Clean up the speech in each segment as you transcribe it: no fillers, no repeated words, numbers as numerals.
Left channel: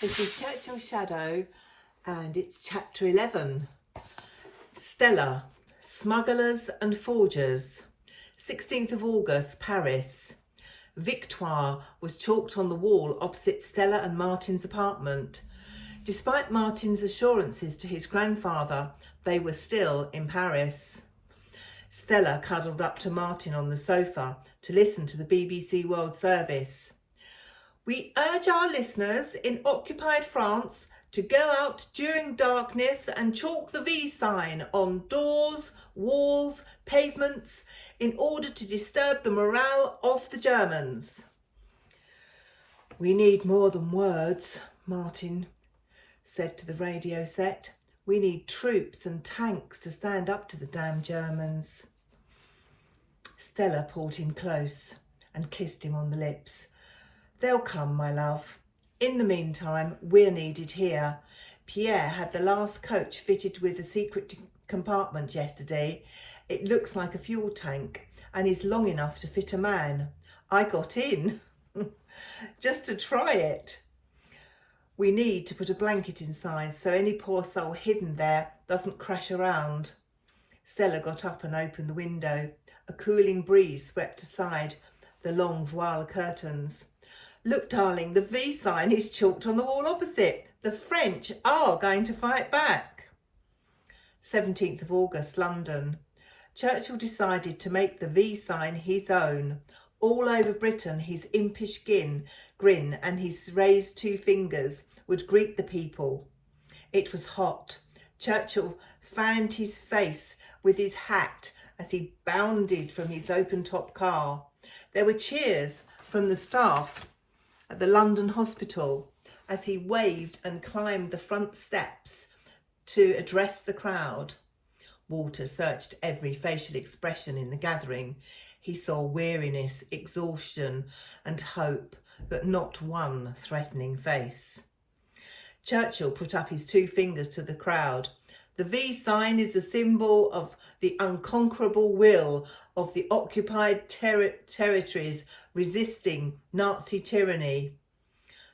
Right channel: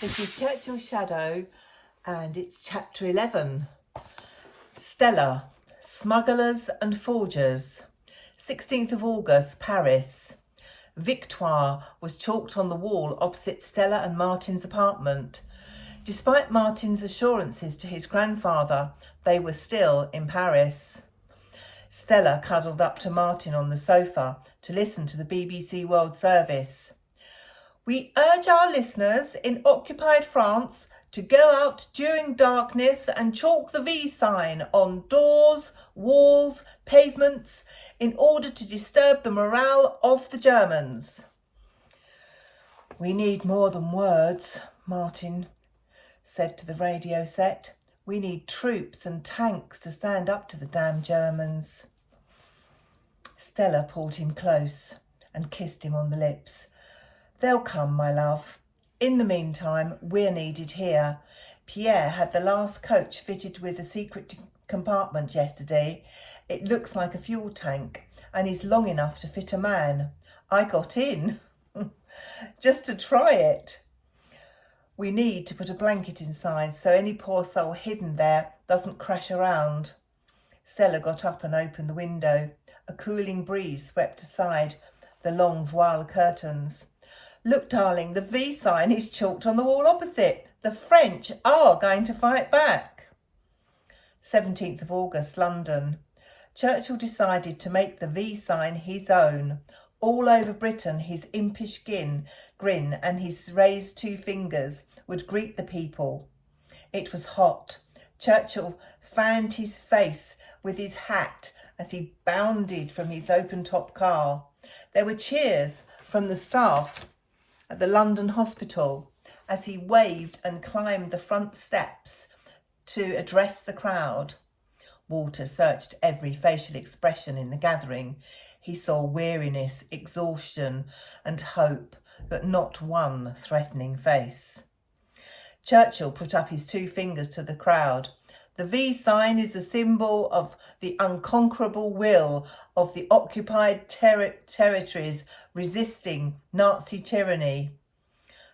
This is Churchill's Shadow and it's chapter 11. Stella, Smugglers and Forgers. 16th of August, Paris. Victoire was chalked on the wall opposite Stella and Martin's apartment. Despite Martin's assurances to his grandfather, they were still in Paris. Stella cuddled up to Martin on the sofa to listen to the BBC World Service. We urge our listeners in occupied France to go out during darkness and chalk the V sign on doors, walls, pavements in order to disturb the morale of the Germans. We need more than words, Martin said to the radio set. We need troops and tanks to stand up to the damn Germans. Stella pulled him close and kissed him on the lips. They'll come, my love. In the meantime, we're needed here. Pierre had the last coach fitted with a secret compartment yesterday. It looks like a fuel tank and is long enough to fit a man. I got in just to try it. We need to put a blanket inside so any poor soul hidden there doesn't crash around. Stella got up and opened the window. A cooling breeze swept aside the long voile curtains. Look, darling, the V sign is chalked on the wall opposite. The French are going to fight back. 17th of August, London. Churchill decided to make the V sign his own. All over Britain, his impish grin and his raised two fingers would greet the people. It was hot. Churchill fanned his face with his hat as he bounded from his open-top car. There were cheers from the staff at the London hospital as he waved and climbed the front steps to address the crowd. Walter searched every facial expression in the gathering. He saw weariness, exhaustion and hope, but not one threatening face. Churchill put up his two fingers to the crowd. The V sign is a symbol of the unconquerable will of the occupied territories resisting Nazi tyranny.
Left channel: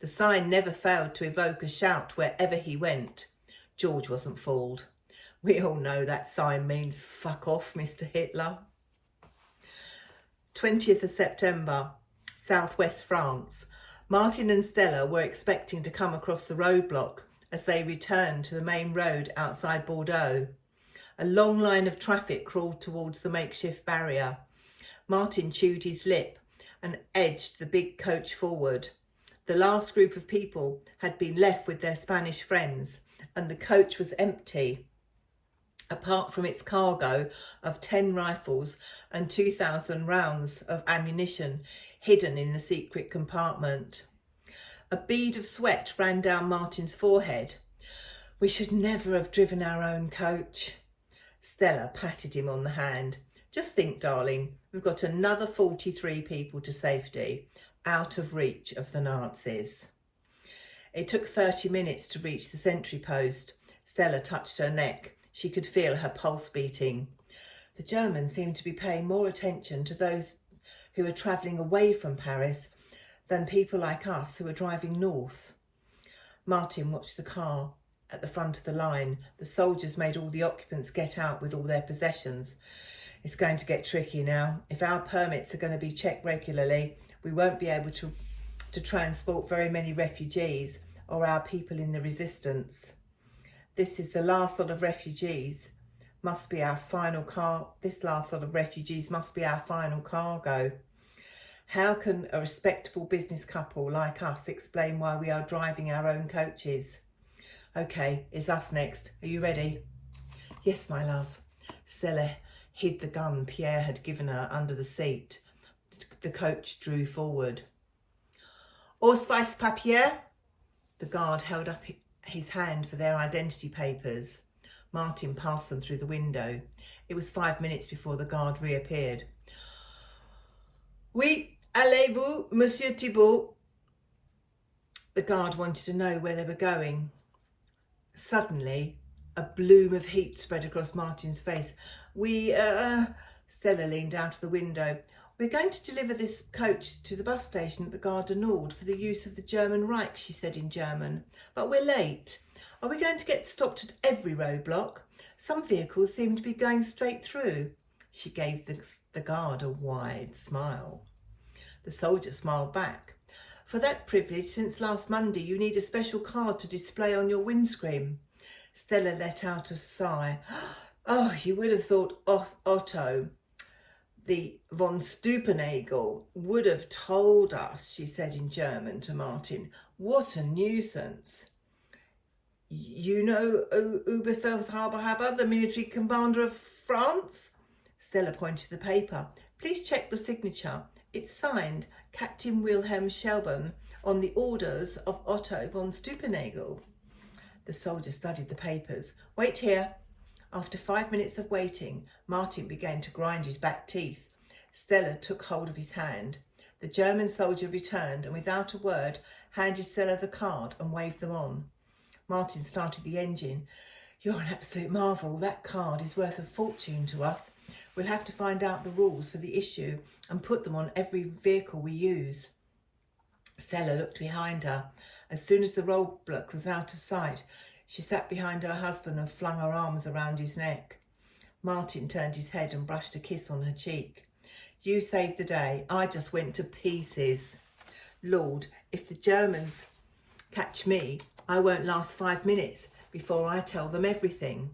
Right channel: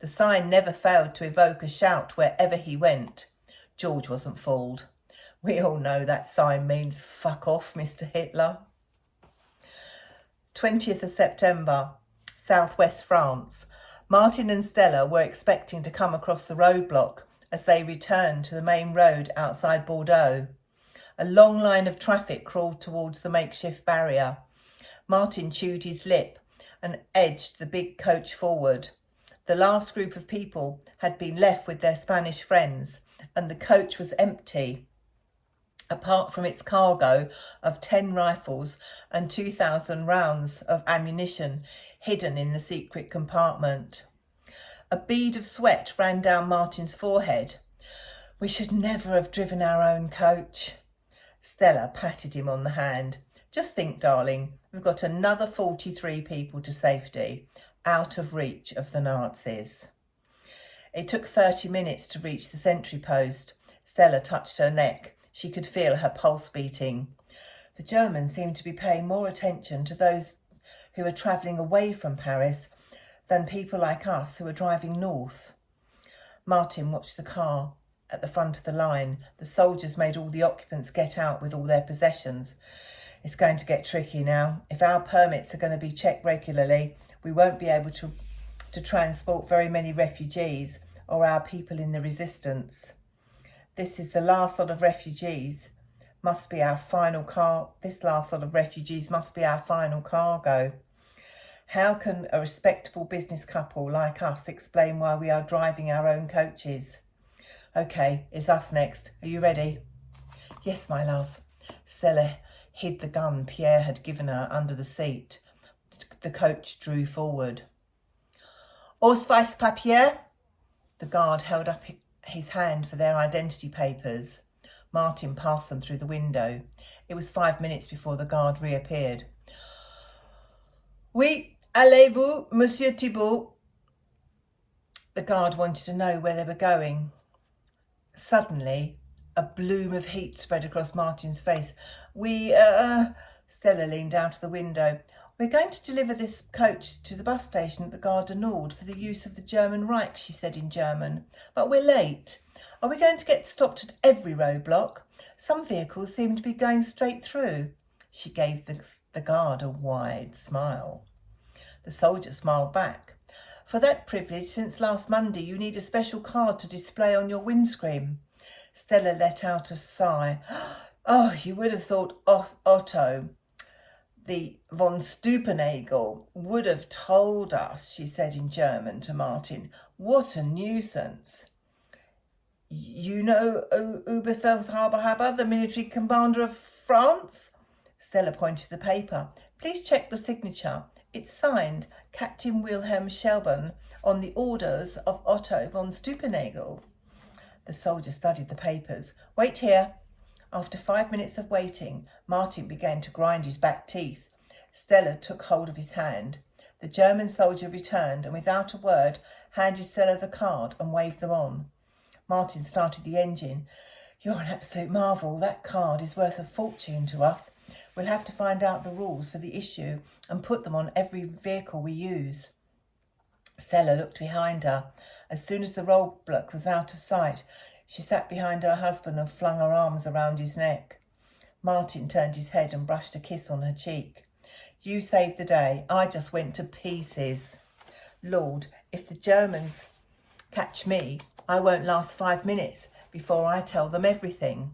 The sign never failed to evoke a shout wherever he went. George wasn't fooled. We all know that sign means fuck off, Mr. Hitler. 20th of September, southwest France. Martin and Stella were expecting to come across the roadblock as they returned to the main road outside Bordeaux. A long line of traffic crawled towards the makeshift barrier. Martin chewed his lip and edged the big coach forward. The last group of people had been left with their Spanish friends, and the coach was empty, apart from its cargo of 10 rifles and 2,000 rounds of ammunition hidden in the secret compartment. A bead of sweat ran down Martin's forehead. We should never have driven our own coach. Stella patted him on the hand. Just think, darling, we've got another 43 people to safety, out of reach of the Nazis. It took 30 minutes to reach the sentry post. Stella touched her neck. She could feel her pulse beating. The Germans seemed to be paying more attention to those who were travelling away from Paris than people like us who were driving north. Martin watched the car at the front of the line. The soldiers made all the occupants get out with all their possessions. It's going to get tricky now. If our permits are going to be checked regularly, we won't be able to transport very many refugees or our people in the resistance. This is the last lot of refugees. Must be our final This last lot of refugees must be our final cargo. How can a respectable business couple like us explain why we are driving our own coaches? Okay, it's us next. Are you ready? Yes, my love. Stella hid the gun Pierre had given her under the seat. The coach drew forward. Ausweispapier? The guard held up his hand for their identity papers. Martin passed them through the window. It was 5 minutes before the guard reappeared. Oui, allez-vous, Monsieur Thibault? The guard wanted to know where they were going. Suddenly, a bloom of heat spread across Martin's face. Stella leaned out of the window. We're going to deliver this coach to the bus station at the Gare du Nord for the use of the German Reich, she said in German. But we're late. Are we going to get stopped at every roadblock? Some vehicles seem to be going straight through. She gave the guard a wide smile. The soldier smiled back. For that privilege, since last Monday, you need a special card to display on your windscreen. Stella let out a sigh. Oh, you would have thought Otto, the von Stupenagel, would have told us, she said in German to Martin. What a nuisance. You know Oberfeldhaber, the military commander of France? Stella pointed to the paper. Please check the signature. It's signed Captain Wilhelm Schelben on the orders of Otto von Stupenagel. The soldier studied the papers. Wait here. After 5 minutes of waiting, Martin began to grind his back teeth. Stella took hold of his hand. The German soldier returned and without a word handed Stella the card and waved them on. Martin started the engine. You're an absolute marvel. That card is worth a fortune to us. We'll have to find out the rules for the issue and put them on every vehicle we use. Stella looked behind her. As soon as the roadblock was out of sight, she sat behind her husband and flung her arms around his neck. Martin turned his head and brushed a kiss on her cheek. You saved the day. I just went to pieces. Lord, if the Germans catch me, I won't last 5 minutes before I tell them everything.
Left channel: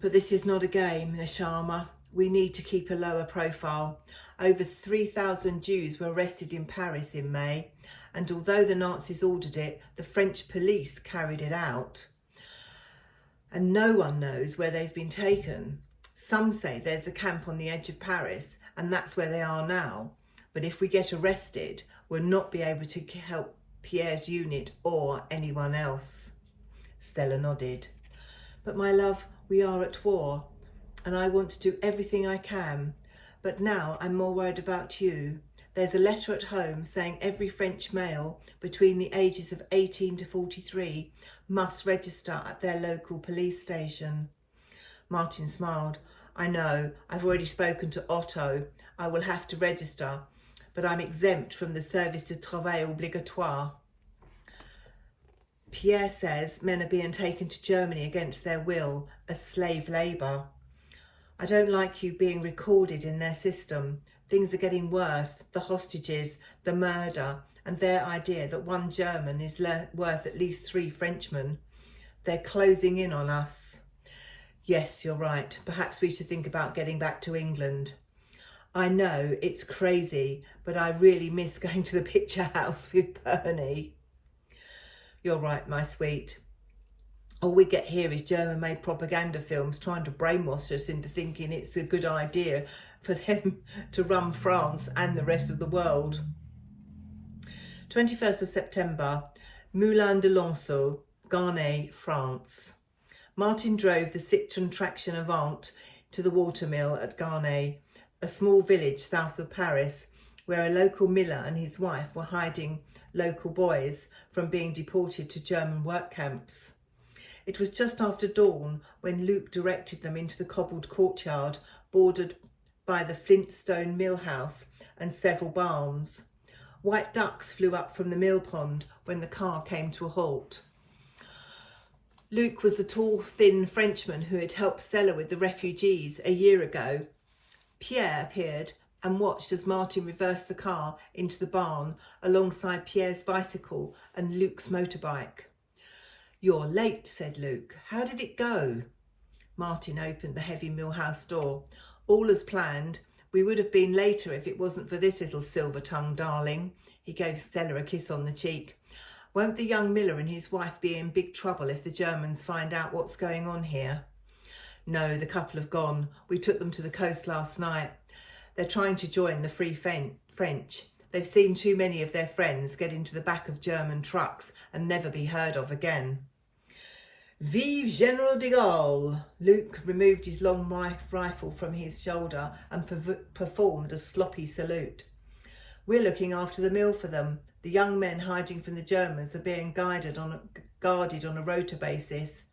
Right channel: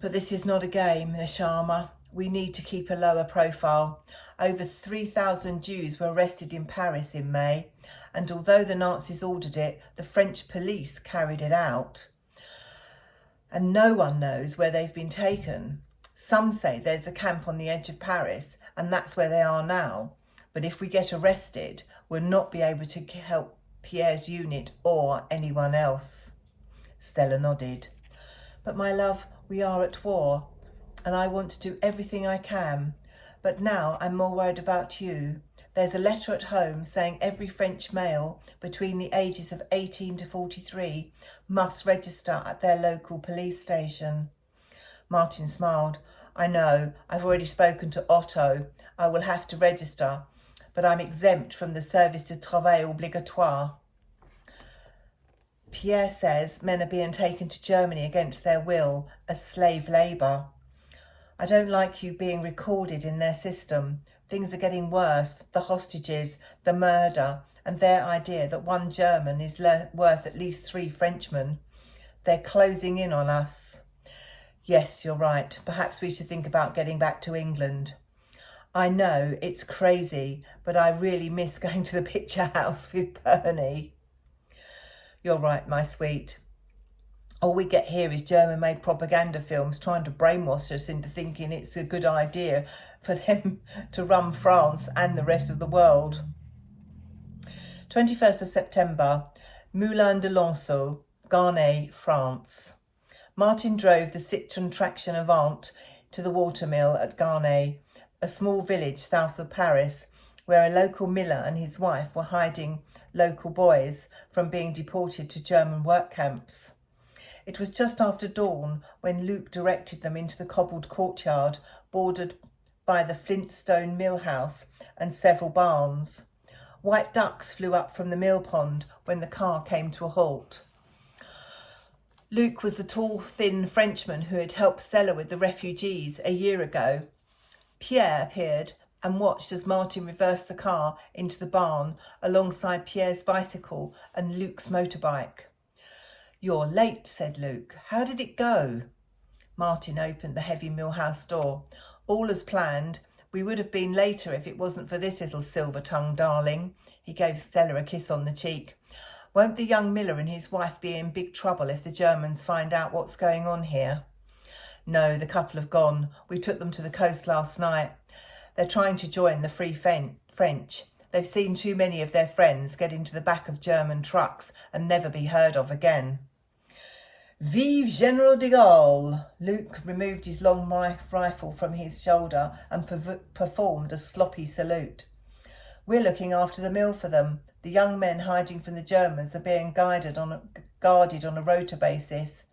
But this is not a game, Neshama. We need to keep a lower profile. Over 3,000 Jews were arrested in Paris in May, and although the Nazis ordered it, the French police carried it out. And no one knows where they've been taken. Some say there's a camp on the edge of Paris, and that's where they are now. But if we get arrested, we'll not be able to help Pierre's unit or anyone else. Stella nodded. But my love, we are at war, and I want to do everything I can. But now I'm more worried about you. There's a letter at home saying every French male between the ages of 18 to 43 must register at their local police station. Martin smiled. I know, I've already spoken to Otto. I will have to register, but I'm exempt from the service de travail obligatoire. Pierre says men are being taken to Germany against their will as slave labour. I don't like you being recorded in their system. Things are getting worse. The hostages, the murder, and their idea that one German is worth at least 3 Frenchmen. They're closing in on us. Yes, you're right. Perhaps we should think about getting back to England. I know, it's crazy, but I really miss going to the picture house with Bernie. You're right, my sweet. All we get here is German-made propaganda films trying to brainwash us into thinking it's a good idea for them to run France and the rest of the world. 21st of September, Moulin de Lanceau, Garnay, France. Martin drove the Citroën Traction Avant to the watermill at Garnay, a small village south of Paris, where a local miller and his wife were hiding local boys from being deported to German work camps. It was just after dawn when Luke directed them into the cobbled courtyard bordered by the Flintstone mill house and several barns. White ducks flew up from the mill pond when the car came to a halt. Luke was the tall, thin Frenchman who had helped Stella with the refugees a year ago. Pierre appeared and watched as Martin reversed the car into the barn alongside Pierre's bicycle and Luke's motorbike. You're late, said Luke. How did it go? Martin opened the heavy millhouse door. All as planned. We would have been later if it wasn't for this little silver-tongued darling. He gave Stella a kiss on the cheek. Won't the young miller and his wife be in big trouble if the Germans find out what's going on here? No, the couple have gone. We took them to the coast last night. They're trying to join the Free French. They've seen too many of their friends get into the back of German trucks and never be heard of again. Vive General de Gaulle! Luke removed his long rifle from his shoulder and performed a sloppy salute. We're looking after the mill for them. The young men hiding from the Germans are being guarded on a rota basis.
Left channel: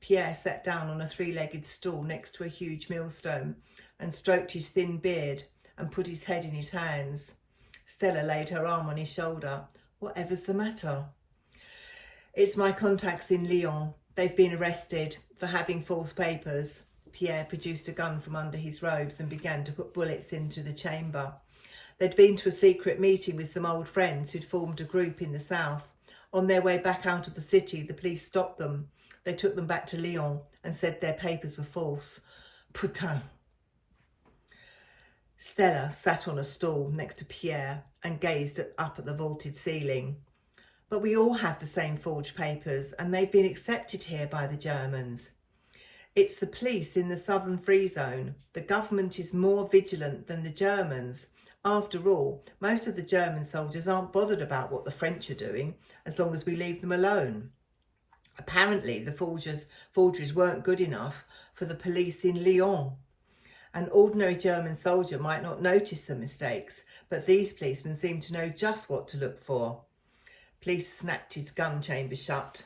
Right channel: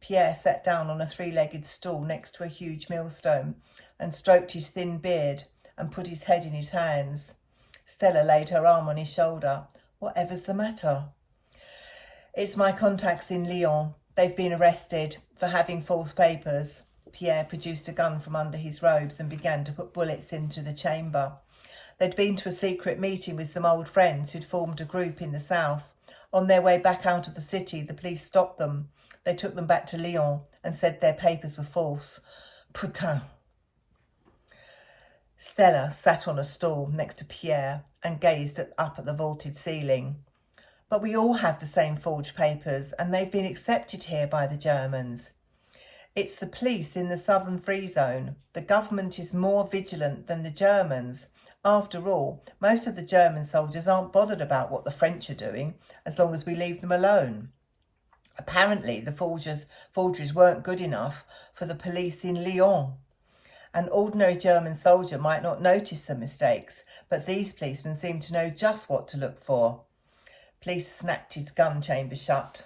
Pierre sat down on a 3-legged stool next to a huge millstone and stroked his thin beard and put his head in his hands. Stella laid her arm on his shoulder. Whatever's the matter? It's my contacts in Lyon. They've been arrested for having false papers. Pierre produced a gun from under his robes and began to put bullets into the chamber. They'd been to a secret meeting with some old friends who'd formed a group in the south. On their way back out of the city, the police stopped them. They took them back to Lyon and said their papers were false. Putain. Stella sat on a stool next to Pierre and gazed up at the vaulted ceiling. But we all have the same forged papers, and they've been accepted here by the Germans. It's the police in the southern free zone. The government is more vigilant than the Germans. After all, most of the German soldiers aren't bothered about what the French are doing, as long as we leave them alone. Apparently, the forgeries weren't good enough for the police in Lyon. An ordinary German soldier might not notice the mistakes, but these policemen seem to know just what to look for. Police snapped his gun chamber shut.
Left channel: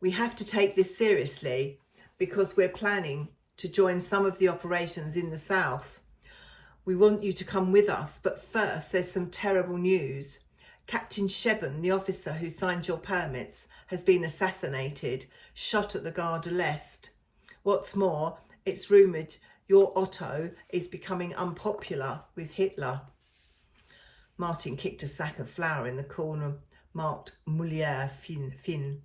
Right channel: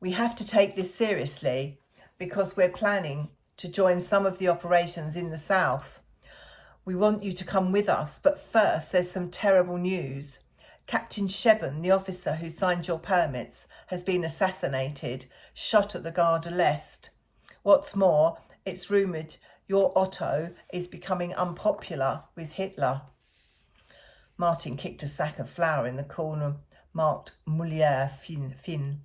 We have to take this seriously because we're planning to join some of the operations in the south. We want you to come with us, but first there's some terrible news. Captain Sheben, the officer who signed your permits, has been assassinated, shot at the Gare de l'Est. What's more, it's rumoured your Otto is becoming unpopular with Hitler. Martin kicked a sack of flour in the corner marked Moulière fin.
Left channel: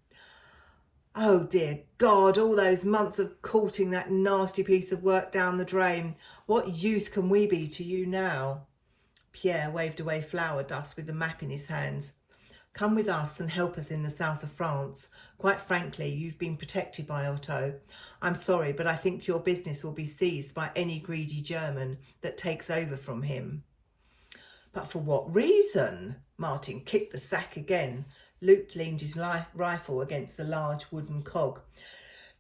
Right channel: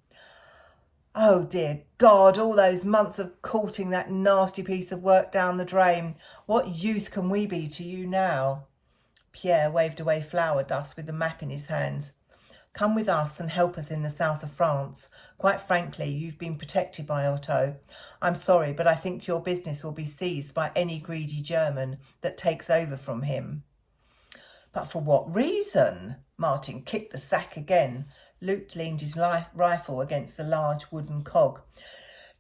Oh dear God, all those months of courting that nasty piece of work down the drain. What use can we be to you now? Pierre waved away flour dust with the map in his hands. Come with us and help us in the south of France. Quite frankly, you've been protected by Otto. I'm sorry, but I think your business will be seized by any greedy German that takes over from him. But for what reason? Martin kicked the sack again. Luke leaned his rifle against the large wooden cog.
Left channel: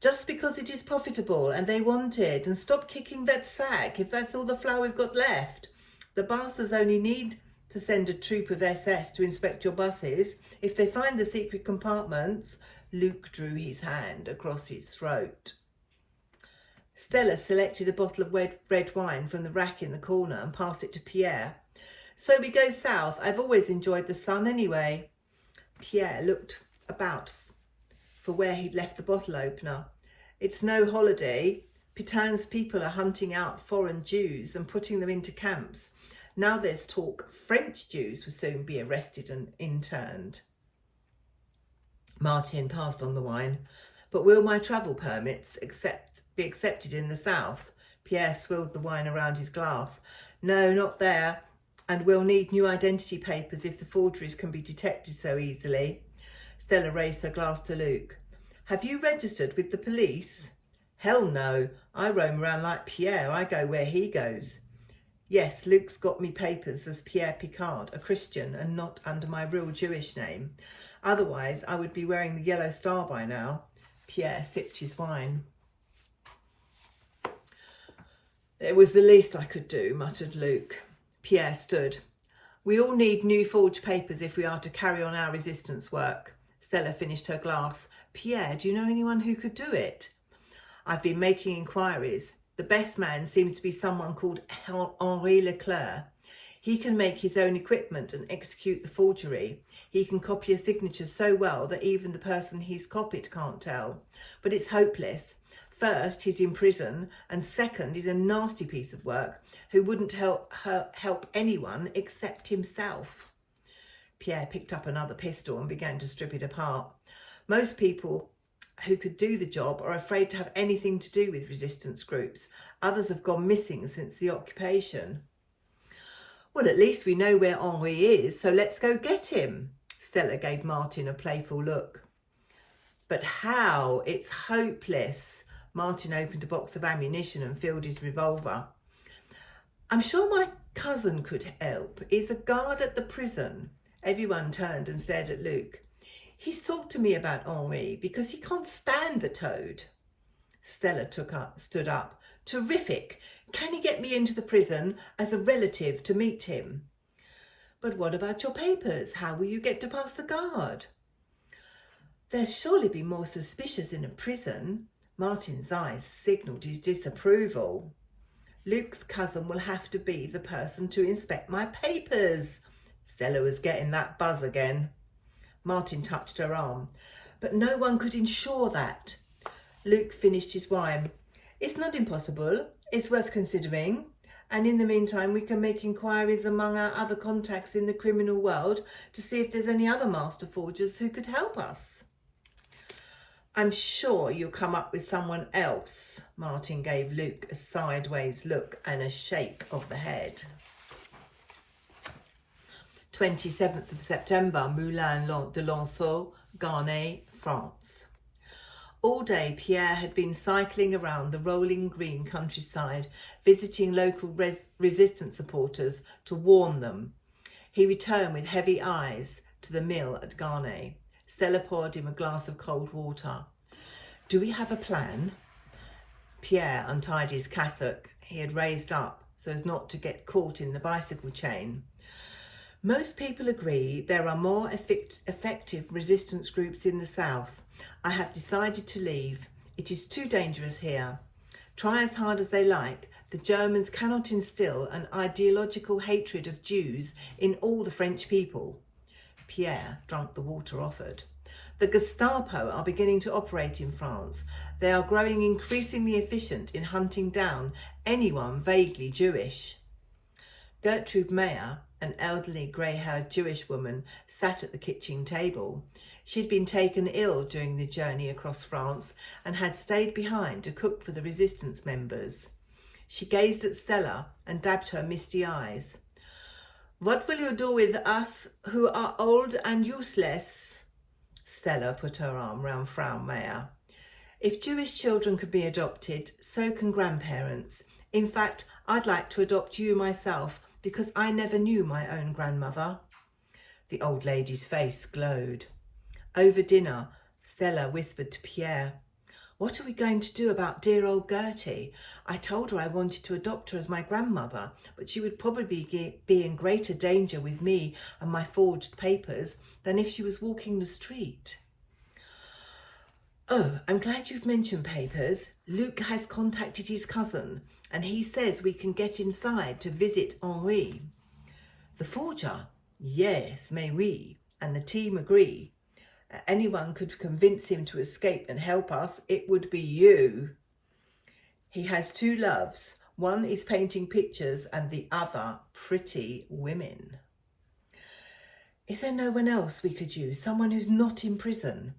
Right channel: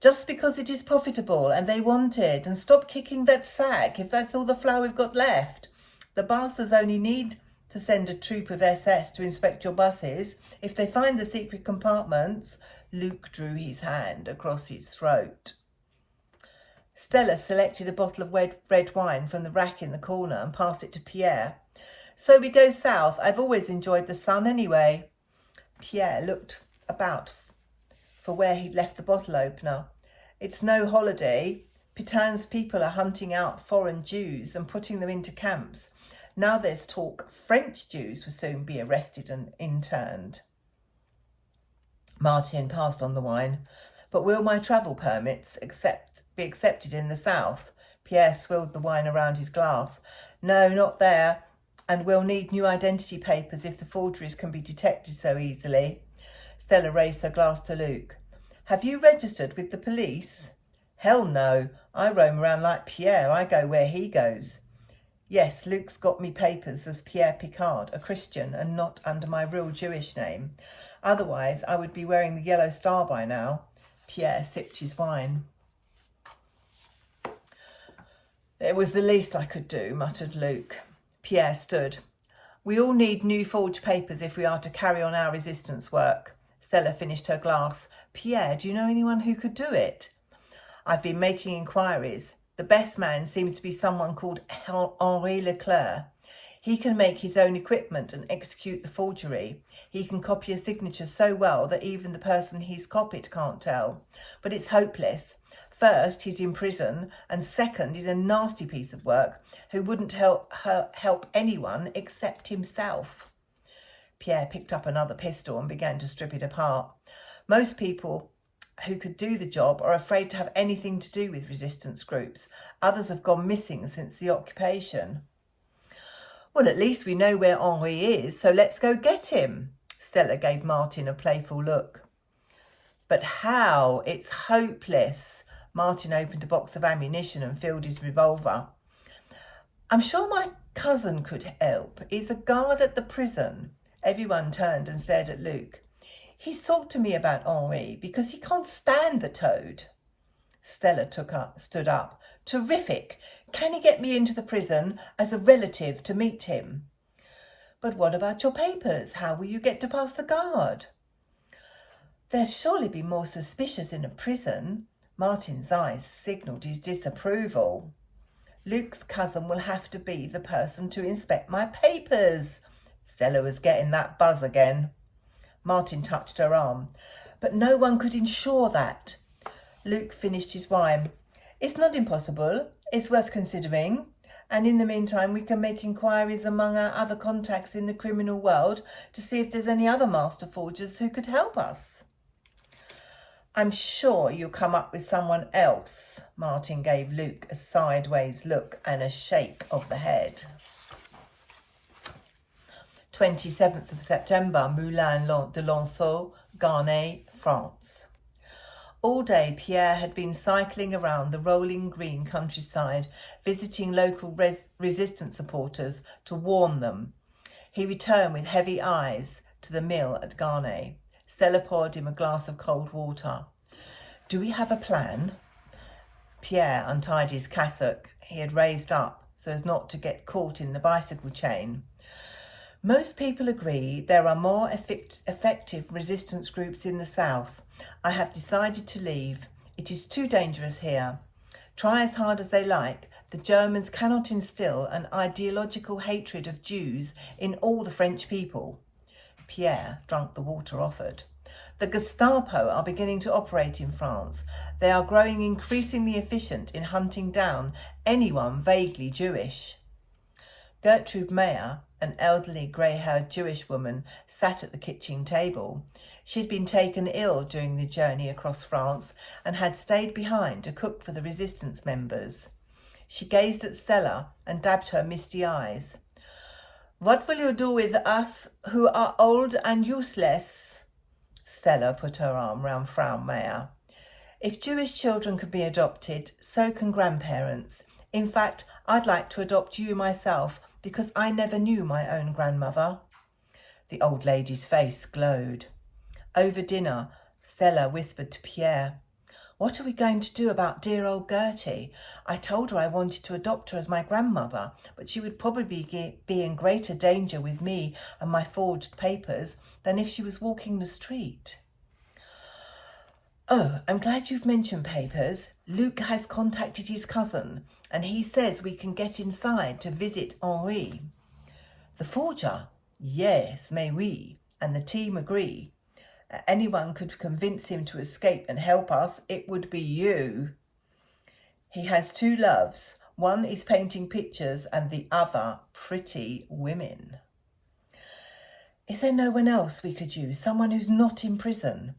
Just because it is profitable and they want it. And stop kicking that sack if that's all the flour we've got left. The bastards only need to send a troop of SS to inspect your buses. If they find the secret compartments, Luke drew his hand across his throat. Stella selected a bottle of red wine from the rack in the corner and passed it to Pierre. So we go south. I've always enjoyed the sun anyway. Pierre looked about for where he'd left the bottle opener. It's no holiday. Pétain's people are hunting out foreign Jews and putting them into camps. Now there's talk French Jews will soon be arrested and interned. Martin passed on the wine. But will my travel permits be accepted in the south? Pierre swilled the wine around his glass. No, not there. And we'll need new identity papers if the forgeries can be detected so easily. Stella raised her glass to Luke. Have you registered with the police? Hell no. I roam around like Pierre. I go where he goes. Yes, Luke's got me papers as Pierre Picard, a Christian, and not under my real Jewish name. Otherwise, I would be wearing the yellow star by now. Pierre sipped his wine. It was the least I could do, muttered Luke. Pierre stood. We all need new forged papers if we are to carry on our resistance work. Stella finished her glass. Pierre, do you know anyone who could do it? I've been making inquiries. The best man seems to be someone called Henri Leclerc. He can make his own equipment and execute the forgery. He can copy a signature so well that even the person he's copied can't tell. But it's hopeless. First, he's in prison, and second, he's a nasty piece of work who wouldn't help anyone except himself. Pierre picked up another pistol and began to strip it apart. Most people who could do the job are afraid to have anything to do with resistance groups. Others have gone missing since the occupation. Well, at least we know where Henri is, so let's go get him. Stella gave Martin a playful look. But how? It's hopeless. Martin opened a box of ammunition and filled his revolver. I'm sure my cousin could help. He's a guard at the prison. Everyone turned and stared at Luke. He's talked to me about Henri because he can't stand the toad. Stella stood up. Terrific. Can he get me into the prison as a relative to meet him? But what about your papers? How will you get to pass the guard? There'll surely be more suspicious in a prison. Martin's eyes signalled his disapproval. Luke's cousin will have to be the person to inspect my papers. Stella was getting that buzz again. Martin touched her arm. But no one could ensure that. Luke finished his wine. It's not impossible. It's worth considering. And in the meantime, we can make inquiries among our other contacts in the criminal world to see if there's any other master forgers who could help us. I'm sure you'll come up with someone else. Martin gave Luke a sideways look and a shake of the head. 27th of September, Moulin de Lanceau, Garnay, France. All day, Pierre had been cycling around the rolling green countryside, visiting local resistance supporters to warn them. He returned with heavy eyes to the mill at Garnay. Stella poured him a glass of cold water. Do we have a plan? Pierre untied his cassock he had raised up so as not to get caught in the bicycle chain. Most people agree there are more effective resistance groups in the south. I have decided to leave. It is too dangerous here. Try as hard as they like, the Germans cannot instill an ideological hatred of Jews in all the French people. Pierre drank the water offered. The Gestapo are beginning to operate in France. They are growing increasingly efficient in hunting down anyone vaguely Jewish. Gertrude Meyer, an elderly grey-haired Jewish woman, sat at the kitchen table. She'd been taken ill during the journey across France and had stayed behind to cook for the resistance members. She gazed at Stella and dabbed her misty eyes. What will you do with us who are old and useless? Stella put her arm round Frau Meyer. If Jewish children can be adopted, so can grandparents. In fact, I'd like to adopt you myself because I never knew my own grandmother. The old lady's face glowed. Over dinner, Stella whispered to Pierre, What are we going to do about dear old Gertie? I told her I wanted to adopt her as my grandmother, but she would probably be in greater danger with me and my forged papers than if she was walking the street. Oh, I'm glad you've mentioned papers. Luke has contacted his cousin, and he says we can get inside to visit Henri. The forger? Yes, mais oui, and the team agree. Anyone could convince him to escape and help us, it would be you. He has two loves. One is painting pictures and the other pretty women. Is there no one else we could use? Someone who's not in prison?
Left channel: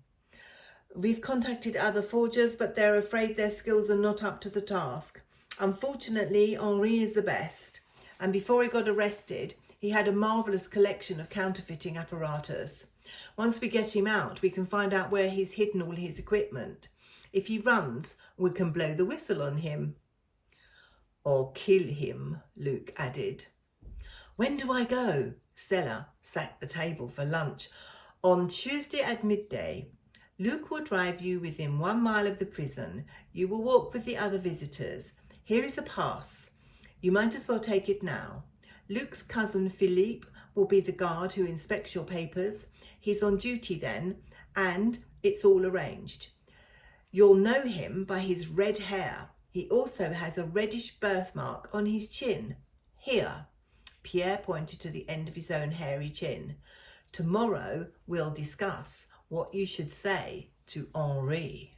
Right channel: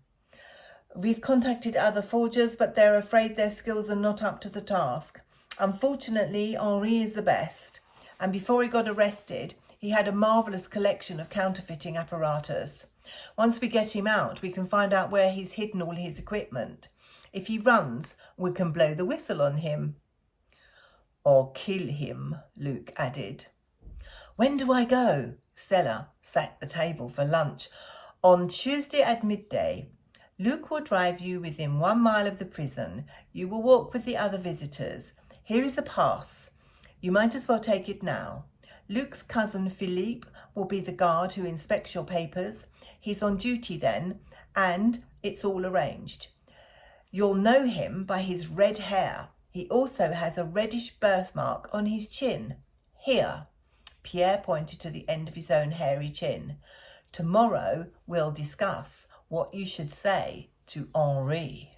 We've contacted other forgers, but they're afraid their skills are not up to the task. Unfortunately, Henri is the best. And before he got arrested, he had a marvellous collection of counterfeiting apparatus. Once we get him out, we can find out where he's hidden all his equipment. If he runs, we can blow the whistle on him. Or kill him, Luke added. When do I go? Stella sat the table for lunch. On Tuesday at midday. Luke will drive you within 1 mile of the prison. You will walk with the other visitors. Here is a pass. You might as well take it now. Luke's cousin Philippe will be the guard who inspects your papers. He's on duty then, and it's all arranged. You'll know him by his red hair. He also has a reddish birthmark on his chin. Here. Pierre pointed to the end of his own hairy chin. Tomorrow we'll discuss what you should say to Henri.